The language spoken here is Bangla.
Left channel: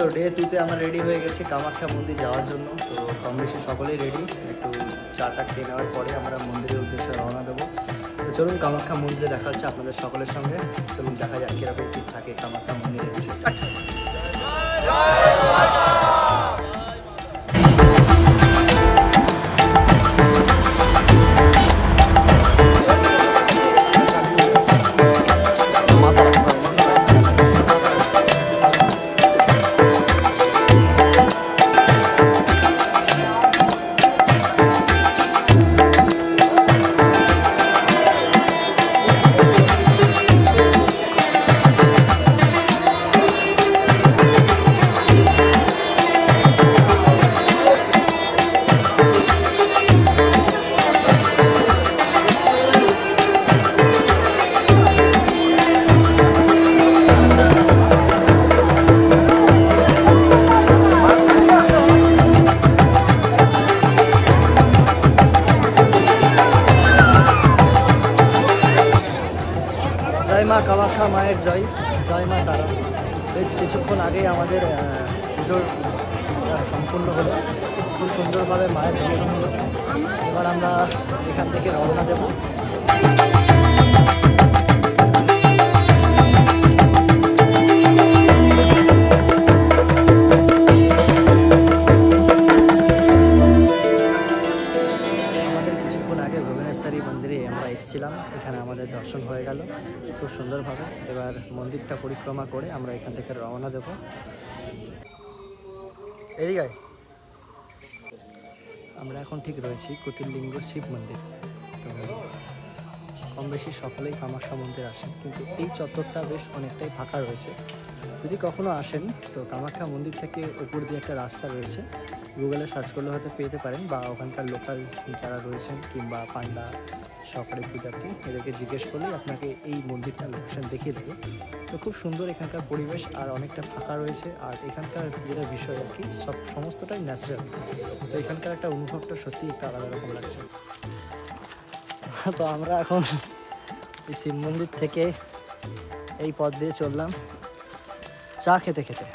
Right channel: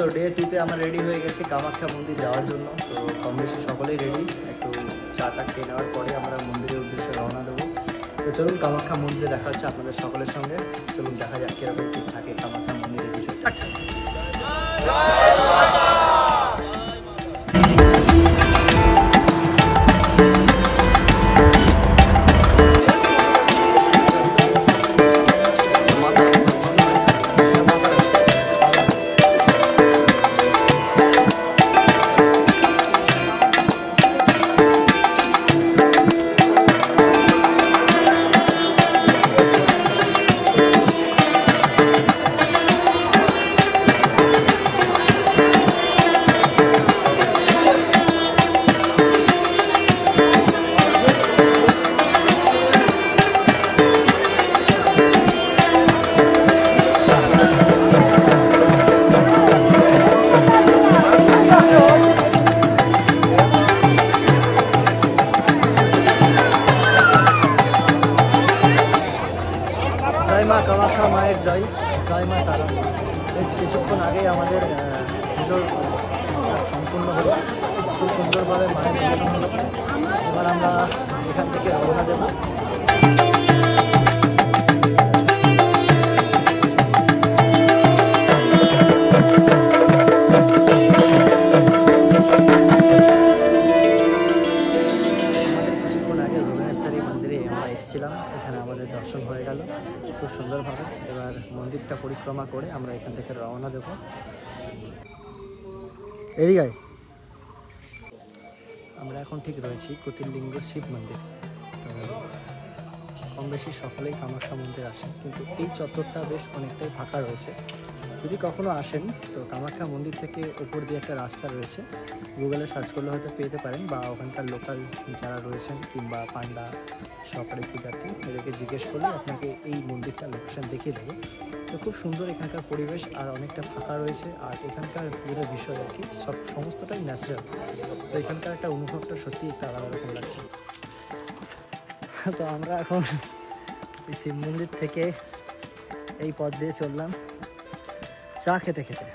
তো ডে 2তে আমরা রেডি হয়ে গেছি কামাখ্যা মন্দির যাওয়ার জন্য। তো কম বেশি সকলেই রেডি, একটু চাটা খেয়ে নেওয়ার পরে আমরা মন্দিরের উদ্দেশ্যে রওনা দেবো। তো চলুন কামাখ্যা মন্দিরে দেখা হচ্ছে আপনাদের সকলের সঙ্গে। চলুন দেখা যাক কীরকম কী থাকে কামাখ্যা মন্দিরের বিষয়টা। জয় মা কামাখ্যা মায়ের জয়, জয় মা তারা। বেশ কিছুক্ষণ আগেই আমাদের পুজোর সম্পূর্ণ হলো, খুব সুন্দরভাবে মায়ের দর্শন হলো। এবার আমরা এখান থেকে রওনা দেব। আগে ভুবনেশ্বরী মন্দিরে আমরা এসেছিলাম, এখানে আমাদের দর্শন হয়ে গেল খুব সুন্দরভাবে। এবার মন্দিরটা পরিক্রমা করে আমরা এখান থেকে রওনা দেব। এদিকে আমরা এখন ঠিক রয়েছি কুটিরলিঙ্গ শিব মন্দির। তো কম বেশি সকলেই কামাখ্যা মন্দির আসেন, কিন্তু এই চত্বরটা বেশ অনেকটাই ফাঁকা রয়েছে। যদি কখনো আসেন তো কামাখ্যা মন্দির থেকে উপর দিয়ে একটা রাস্তা রয়েছে, গুগলে সার্চ করলে হয়তো পেতে পারেন, বা ওখানকার লোকাল যারা রয়েছেন কিংবা পান্ডা সরকারি পূজার্থী এদেরকে জিজ্ঞেস করলে আপনাকে এই মন্দিরটা লোকেশন দেখিয়ে দেবে। তো খুব সুন্দর এখানকার পরিবেশ, আর অনেকটা ফাঁকা রয়েছে। আর এখানকার যেটা বিষয় আর কি, সমস্তটাই ন্যাচারাল। তো এখানকার একটা অনুভবটা সত্যি একটা আলাদা রকম লাগছে। তো আমরা এখন এই শিব মন্দির থেকে এই পথ দিয়ে চললাম চা খেতে খেতে।